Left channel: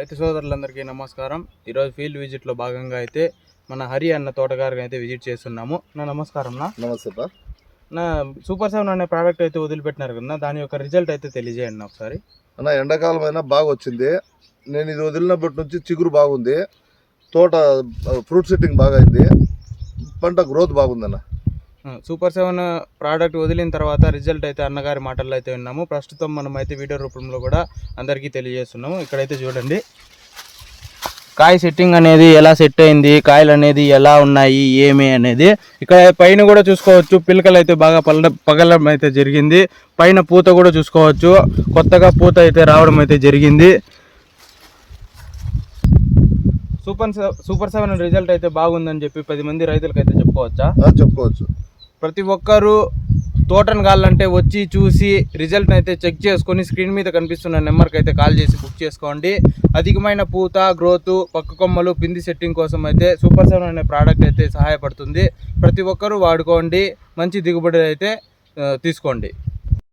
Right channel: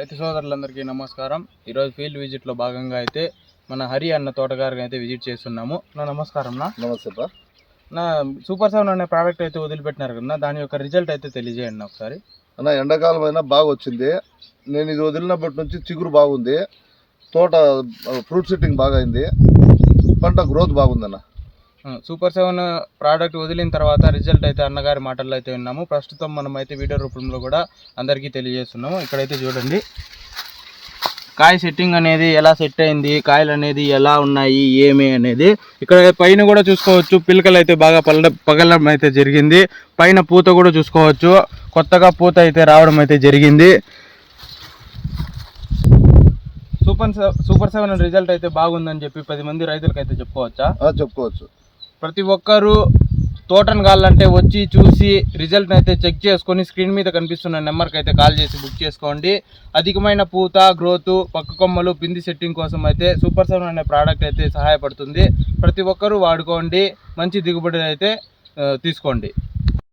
రైతు సోదరులందరికీ నమస్కారం. ఈరోజు ఫీల్డ్ విజిట్లో భాగంగా అయితే మన హరి అన్న తోటగారికి అయితే విజిట్ చేస్తున్నాము. నమస్కారం. నమస్తే నా సూపర్ 7 అనే ప్రోడక్ట్ అయితే వదిలిపెట్టినారు కదా, దాని యొక్క రిజల్ట్ అయితే తెలియజేయండి ఒకసారి. అన్న ఎండాకాలం అయినా బాగా వచ్చింది. నేను ఇది వదిలినప్పటి నుంచి చిగురు బాగుంది, తోట ఫ్రూట్ సెట్టింగ్ బాగా అయింది, పంట గ్రోత్ బాగుందన్న. సూపర్ 7 ప్రోడక్ట్ వదిలిన తర్వాత రిజల్ట్ అయితే అన్నగారి మాటల్లో అయితే విన్నాము. ప్రస్తుతం మనం అయితే వీడియో రూపంలో కూడా అందరికీ తెలియజేస్తున్నాము. ఇక్కడైతే చూడండి, కాయ సెట్టింగ్ అనేది ఎలా సెట్ అయింది, కాయలు అనేది ఎలా ఉన్నాయి ఏమి అనేది. ఇక్కడ పైన కూడా చూసుకోవచ్చు, పిలకలు అయితే బాగా పగలడం అయితే జరిగింది. పైన పూత కూడా చూసుకోవచ్చు, కొత్తగా పూత అయితే రావడం అయితే జరిగింది. సూపర్ 7 రిజల్ట్ అయితే బాగుందని చెప్పి 10 మంది రైతులకు అయితే చెప్పుకోవచ్చా? చెప్పుకోవచ్చు. ప్రతి ఒక్కరూ తోటను కావాలంటే వచ్చి చూసి రిజల్ట్ని అయితే చెక్ చేసుకొని స్క్రీన్ మీద కనిపిస్తున్న నెంబర్కి అయితే కాల్ చేసి బుక్ చేసుకోండి. అధికమైన పూత, గ్రోత్, పక్క కొమ్మలు, పిండి సెట్టింగ్ కోసం అయితే సూపర్ 7 అనే ప్రోడక్ట్ అయితే సహాయపడుతుంది. ప్రతి ఒక్కరూ వాడుకోండి, మంచి దిగుబడి అయితే తీసుకోండి.